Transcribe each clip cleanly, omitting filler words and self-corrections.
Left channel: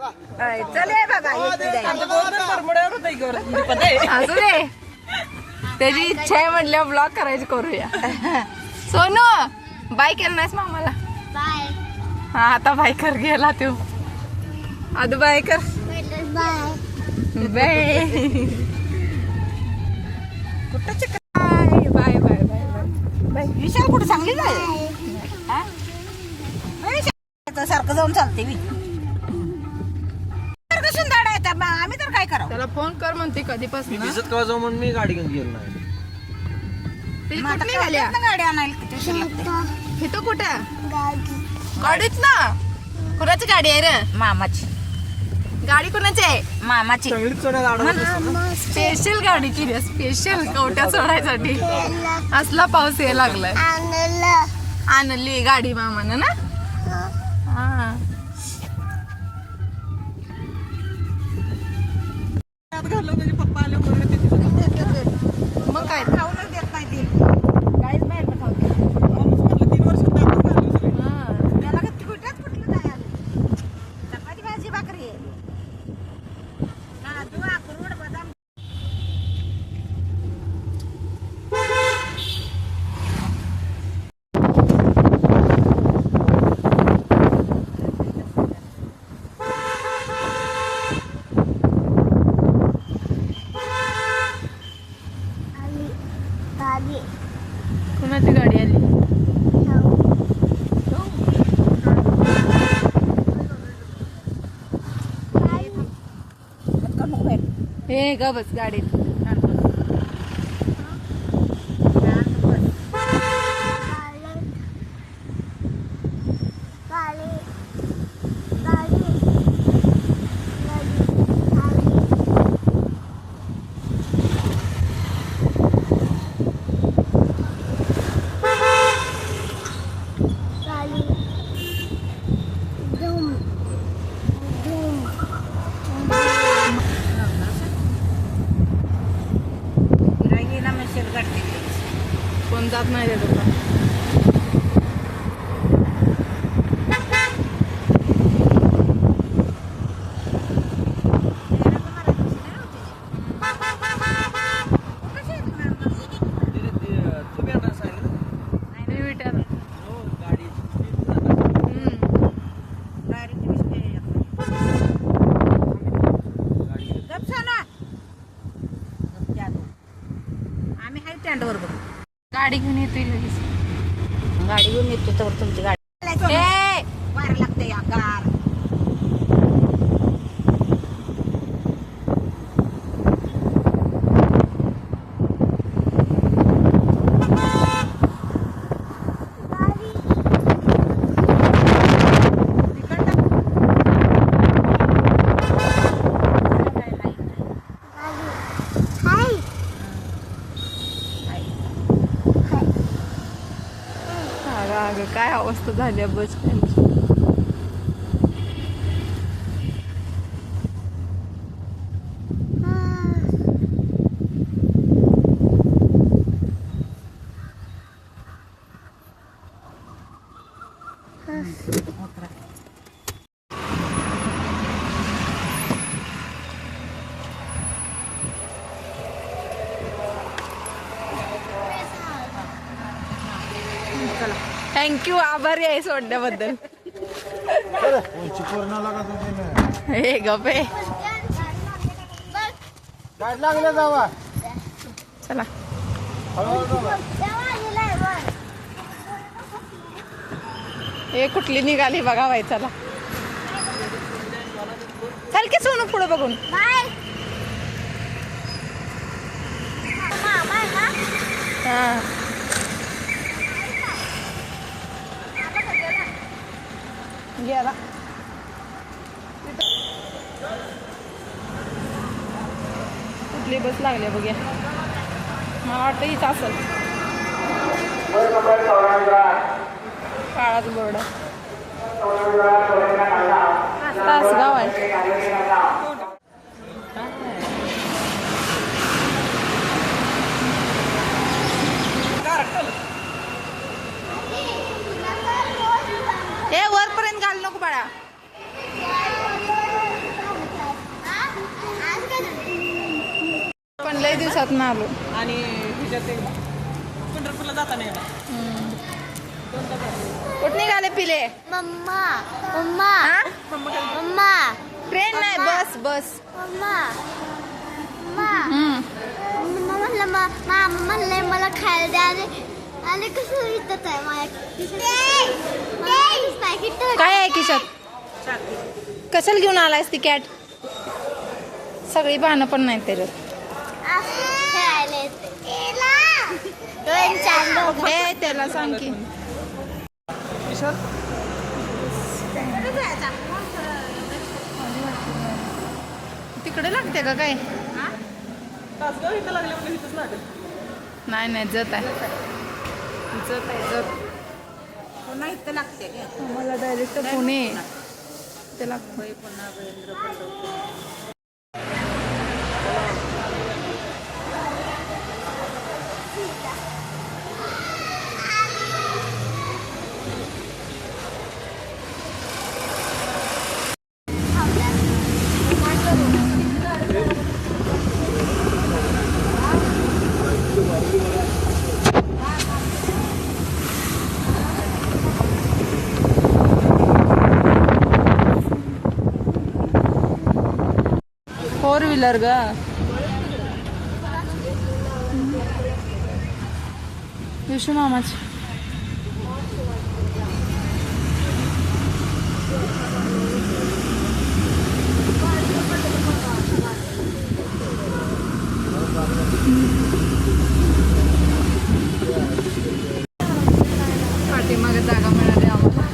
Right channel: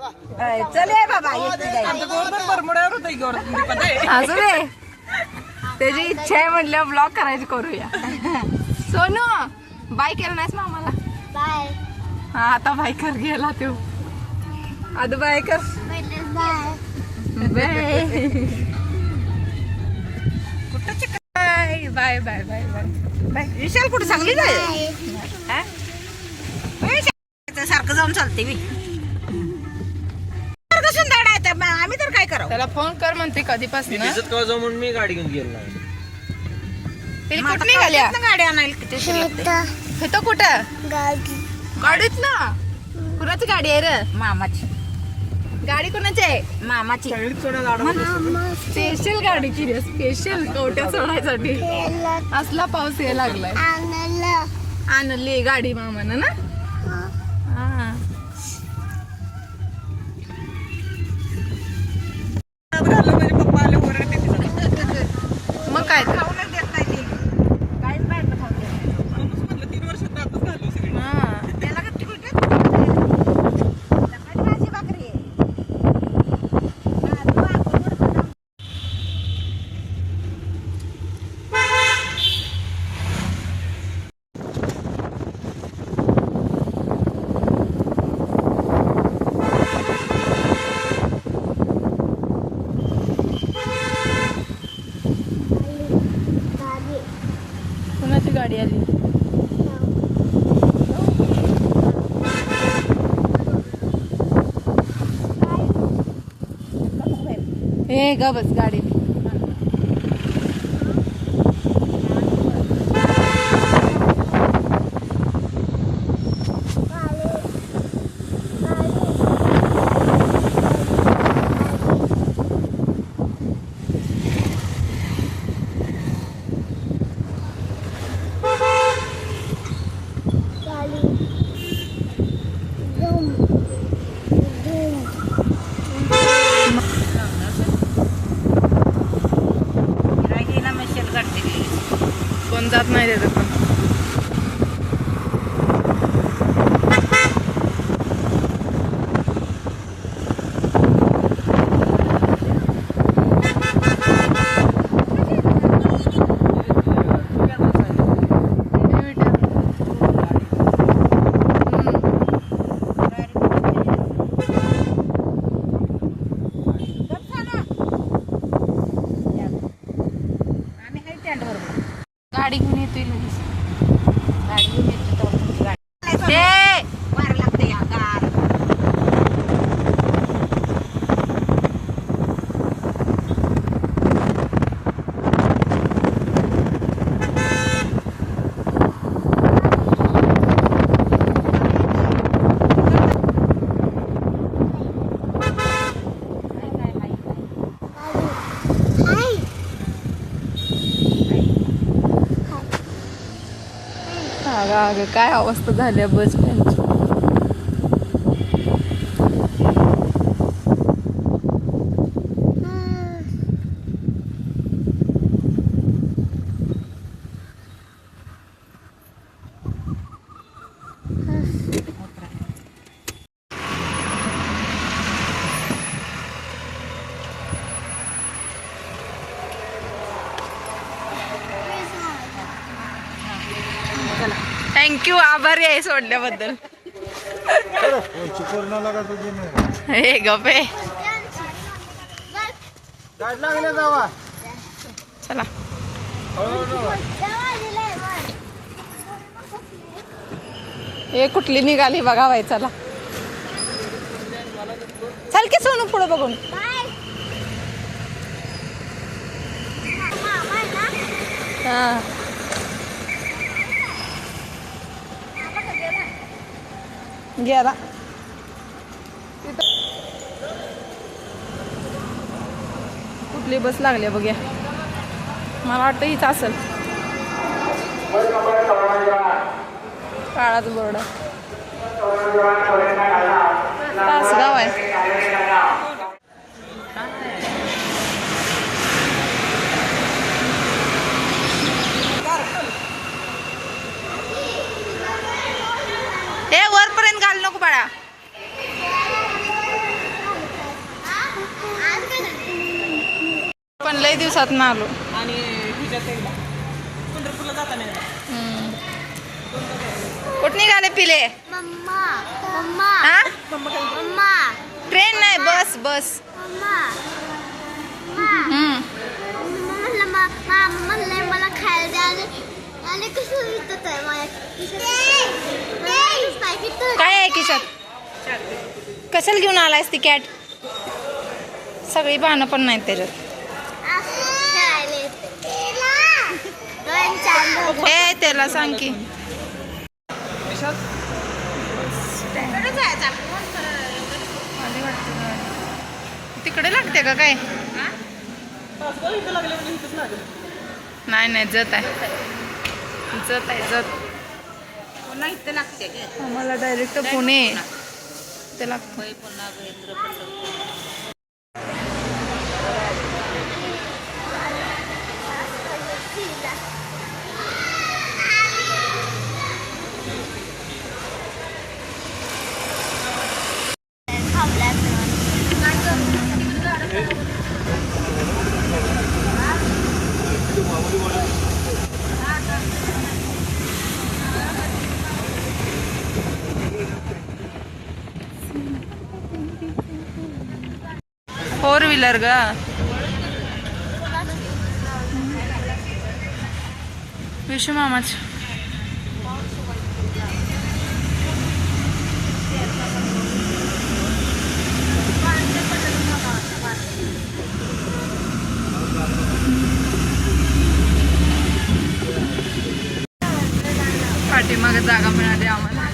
चले बाबा असू दे, त्याची इच्छा आहे म्हटलं ब्लॉग करायची करूया. सोनू बाय केलं नाहीस मामाला? बाय. हा आता बाय कर गेला तू. आदू बाय कर. Bye. Bye bye bye bye bye. Vishal कुठे सांगली जाय सारखं जाऊन चालते मी. आम्ही तर काय करावं? त्याला फोन कर म्हणते कधीपासून म्हणून मी गाडी घेऊन गेलो नाही. कुठे निघाल्या गाडी आणायला? इथं कुठं गाडीत ना? कुणाची गाडी आहे रे? मामाची गाडी. कुणाची आहे? मामाची. स्पेशल गाडीची रे, स्पेशल कवट्या सोडायसाठी. असला पाऊस यायला लागलाय. आणली गाडी मामानं ना? हा मग काय कुणाची गाडी आली? हे ग बस गाडी. कोण जात नाही त्याचं पण. गाडी घेऊन येतोय लगेच. गाडी घेऊन येतोय तर तुमची गाडी वार लागते या गार. अगं काय अवस्था झाली बस. थँक्यू, आभारी आहे सोडल्याबद्दल. हे गपे चला. हे कुठली निघाली बघा बाई. चला चल की सोनू पुढे बघून. हा गेला. कुठली बस लागली बघूया. मला वाटतं हीच असेल. काळात बोर्ड तासगाव आहे. हे वरपर्यंत घाल नको बाळा. पण लय दिवसात ना आलो. आणि तिच्यात एकदा पंढरपूरला जाताना एकदा. कुठं निघाले पिले? मम्मा मम्मा हा मम्मा ट्रेन नाही, बस बस. मम्मा हम्म. म्हणलंय मला खायला द्या आणि कसं विकत आहे माझ्या काय आहे खिशात? कशाला घेऊन आलायस ती कॅट? सगळी बाणं पण नाहीत त्याच्यात. ए त्याला सांग की तिकडे लागते का काय? नाही नाही, जत आहे, जत आहे, जत. आम्हाला डायरेक्ट पुणे ते लागतं. फोर व्हीलर ग. विशू मामाच. पाठीमागे जागा मिळाली आम्हाला.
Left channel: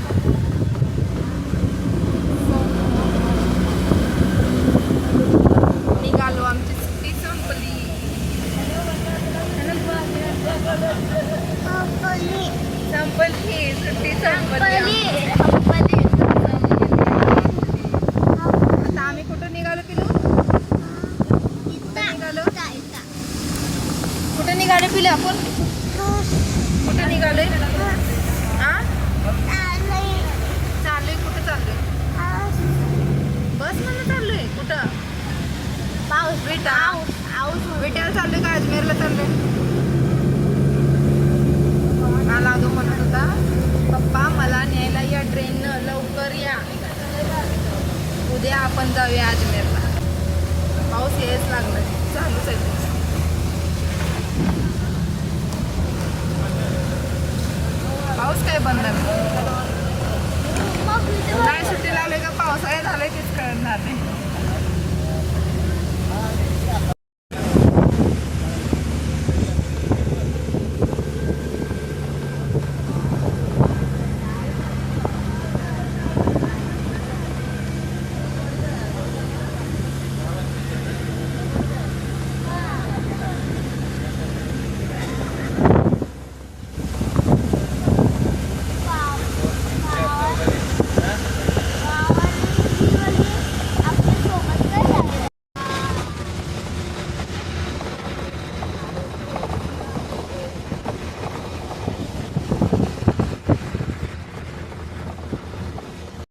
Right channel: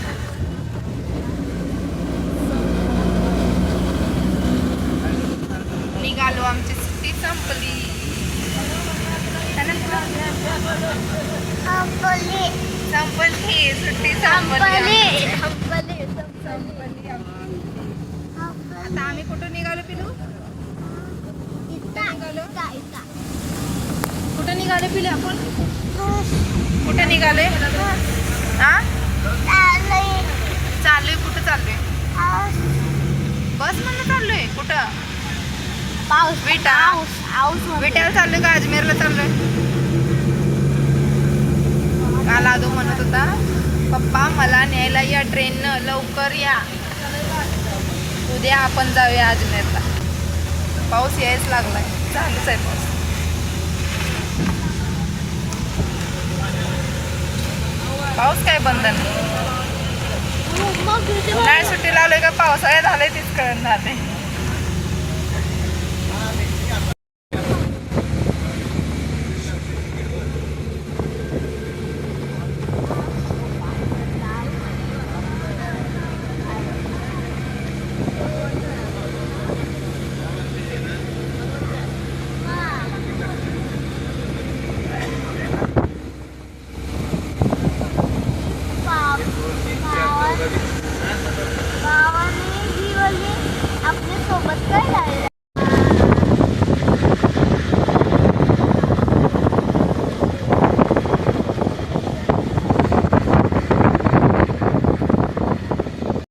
निघालो, आमची सुट्टी संपली. संपली सुट्टी संपली. आता आम्ही कुठं निघालो पिलू? कुठं निघालो पिले आपण? कुठे निघालोय? हा चाललोय. कुठं चाललोय? बस म्हणून चाललोय. कुठं? विटाला चाललोय का अजमेरला चाललोय? काल आदू म्हणत होता, पप्पा मला न्यायला या ट्रेननं, लवकर या, उद्या आपण जाऊया अजमेरला. पाऊस यायच लागला, चालूच आहे पाऊस. पाऊस काय बंद नाही. उन्हाळ्यात सुट्टी लावले का पावसाळ्यात आलंय तीच कळणार नाही.